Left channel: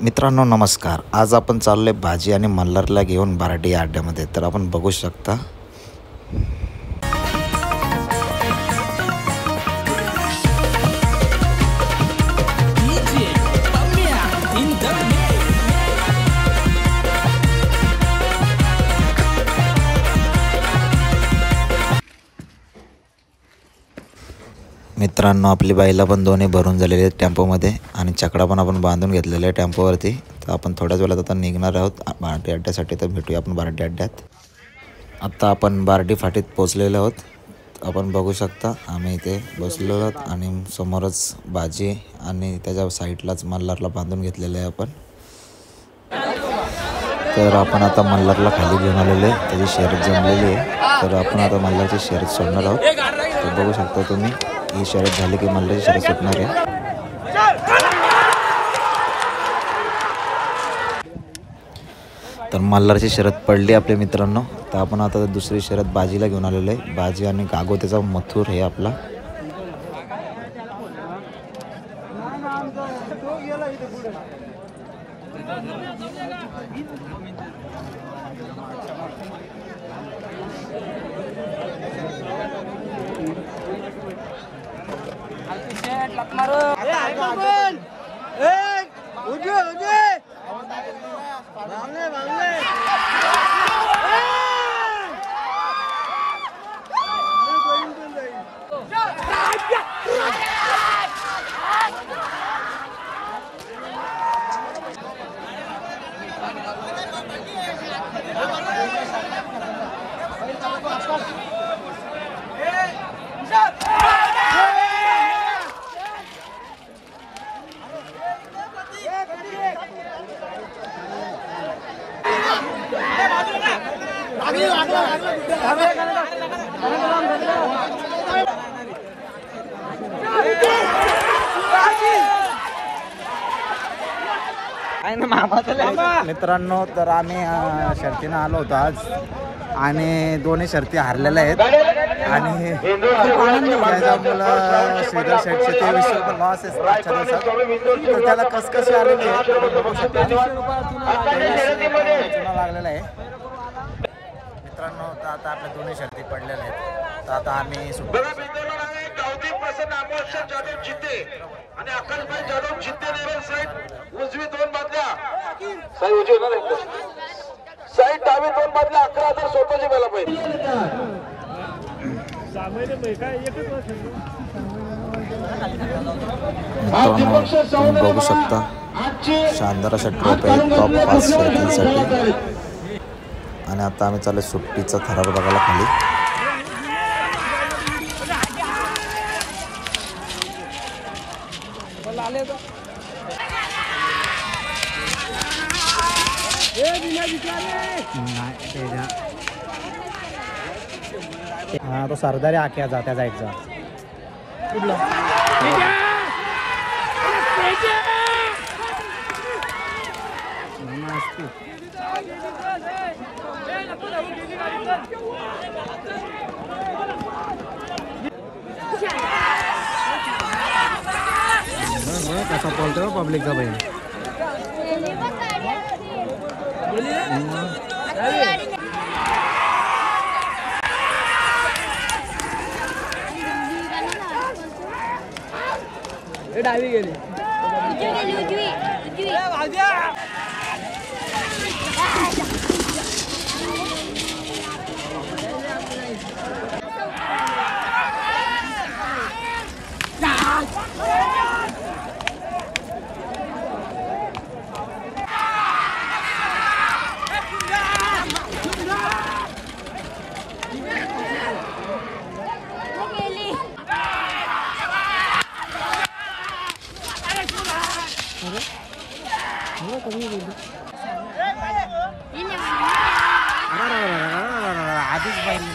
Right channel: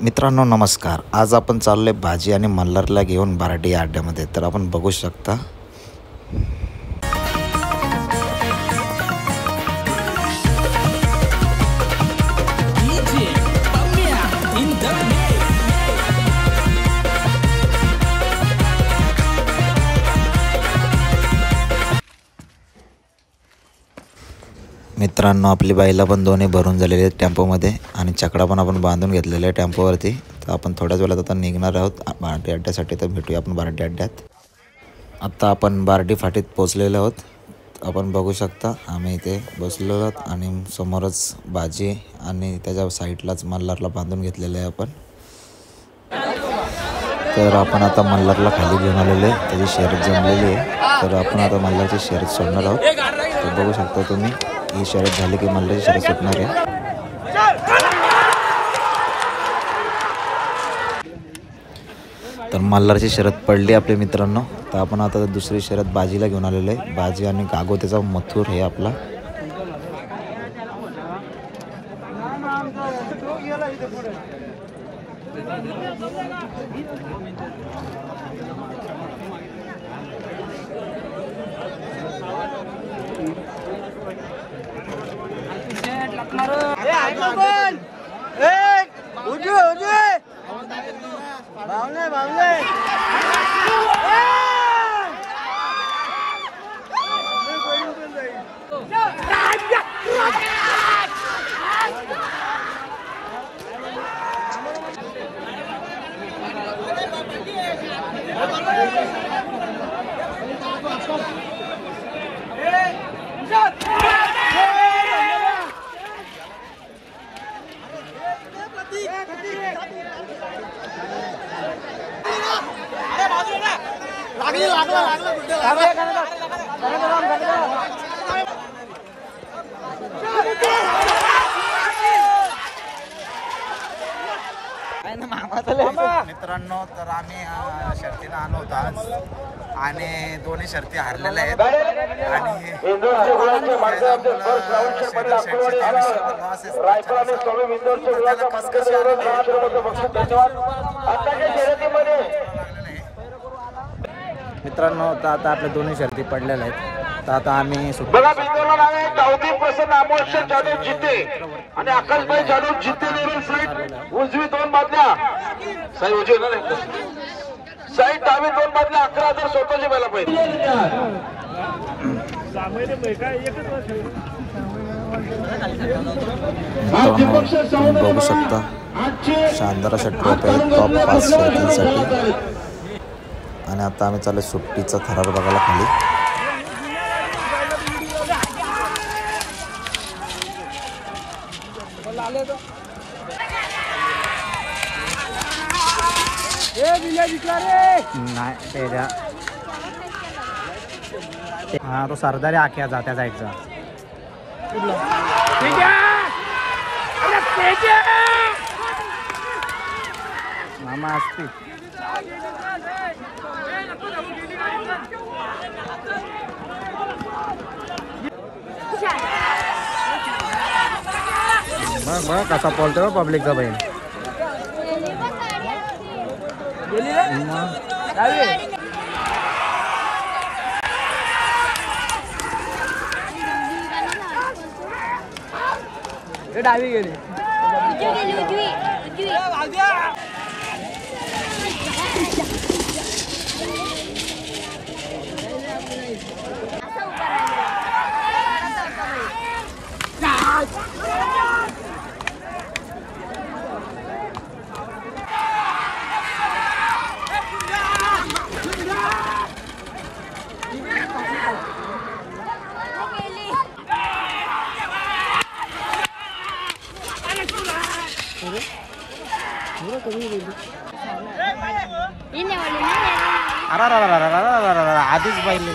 मित्रांनो नमस्कार. आज आपण चाललोय भाजी आणि मल्हारला घेऊन बार्डी या अड्ड्यामध्ये. तर आपण बघू शकता मित्रांनो आपली बाईला पण दोन्ही भरून झालेले आहेत टेम्पोमध्ये आणि चकडा पण आपण बांधून घेतलेला आहे टेम्पोवरती. तर आपण थोड्याच वेळात आता निघणार आहोत बार्डी अड्ड्यासाठी. तर भेटूया आपण बार्डी अड्ड्यात. आता आपण बार्डी फाटीत पोचलेलो आहोत. आपण बघू शकता आम्ही इथे बसलेलो आहोत आणि समोरच भाजी आणि त्याच्या साईडलाच मल्हारला बांधून घेतलेलं आहे आपण. तर आपण आता मल्हारला खाली घेऊन आलेलो आहे. त्याची शर्यत जमलेली आहे. तर आपण आता मल्हारची शर्यत सोडणार आहोत. तर बघू शकता तुम्ही ही शर्यत झाली की मल्हारची शर्यत सुटणार आहे. तर मल्हारची शर्यत पडली आपल्या मित्रांनो. तर आपण आता दुसरी शर्यत बाजीला घेऊन आलेलो आहे. बाजी आणि गागोत्याचा मथुर हे आपला. मित्रांनो तर आम्ही शर्तीनं आलो होतो आज आणि दोन्ही शर्ती हारलेल्या आहेत आणि त्याच्या मुलं श्रीधर शेठचे 23 रुपये लॉस आहे. तर त्याला कसकशी आलेली आहे लागलेला आहे मित्रांनो. तर आता आपल्या दोन्ही शर्ती पडलेल्या आहेत. तर आता आम्ही आणि आकाशभाई जाधव जिंते उजवी 2 बादल्या साई उजवी साईड डावी 2 बादल्या 11,000 स्वतःची व्हायला पाहिजे. मित्रांनो तुम्ही बघू शकता शानदार अशा ट्रॉफी आहेत टॉप 5 शर्यतींसाठी. आणि आता आम्ही चालू सुट्टीचा थरार बघायला खाली. तो सरदारी आख्याचा त्याचा एक जण मामा असते. बघ कसा बोलतोय पब्लिकचा बहीण. डावी गेली आधीच पाहिले.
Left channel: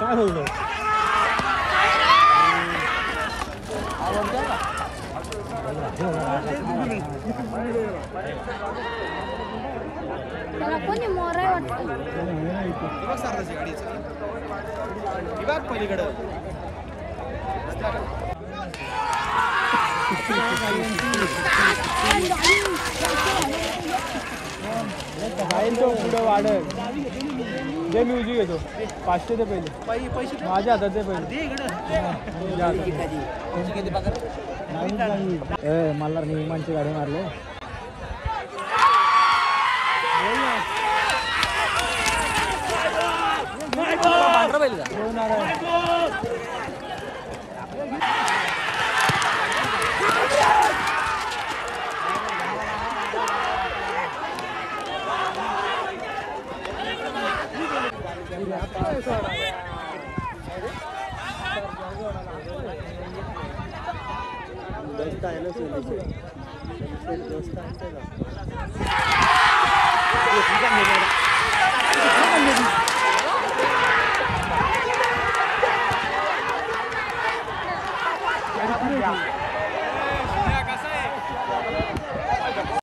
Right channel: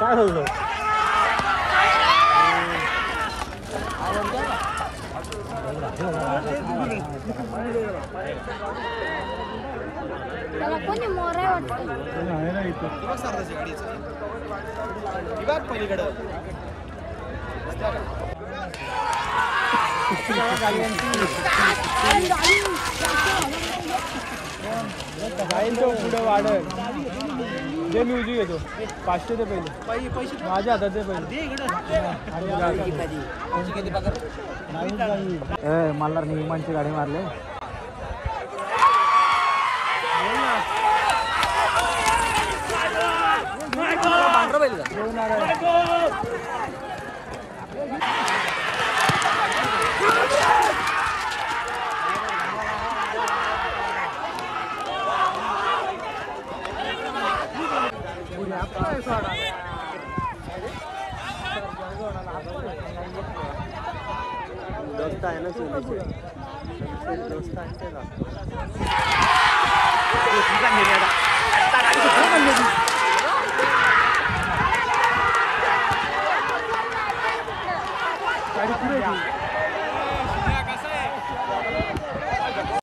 काय बोलतो त्याला कोणी मोराय वाटतं पुढे वाढत दे म्युझिक येतो 500 ते पहिले माझ्या हातात दे पहिले मला नियमांची गाडी मारले